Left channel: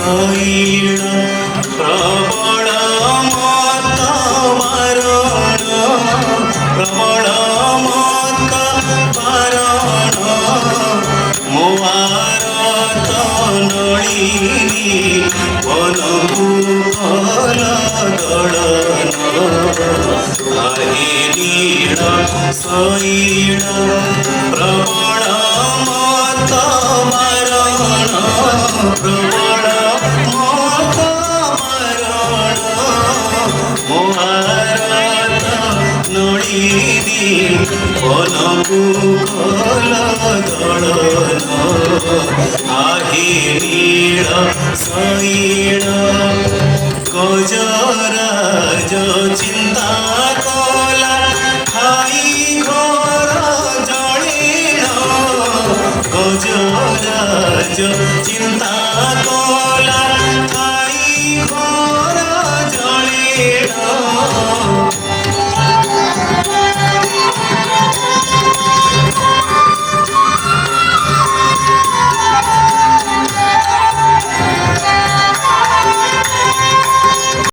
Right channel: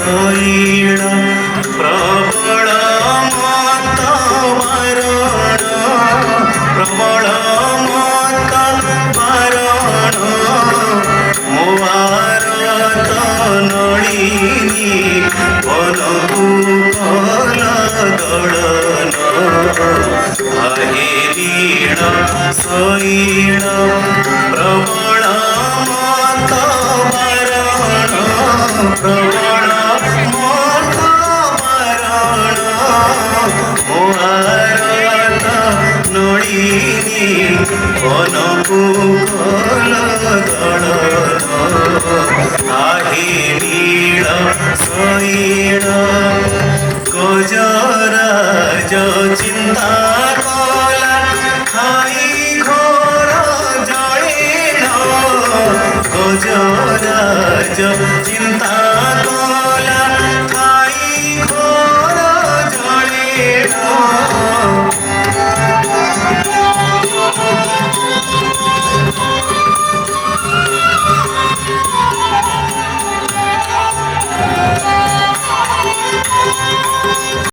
ଶୈଳ ପ୍ରବଳ ମତ ବାରଣ ପ୍ରବଳ ମତ ବାରଣ ମୋ ଆରତ ନଳିନୀ ବନକୁ ଫଳ ଦଳନ ନୀଳ ଶୈଳ ପ୍ରବଳ ମତ ବାରଣ ପ୍ରବଳ ମତ ବାରଣ ମୋ ଆରତ ନଳିନୀ ବନକୁ ଫଳ ଦଳନ ନୀଳ ଶୈଳ ଗଜରାଜ ଚିନ୍ତା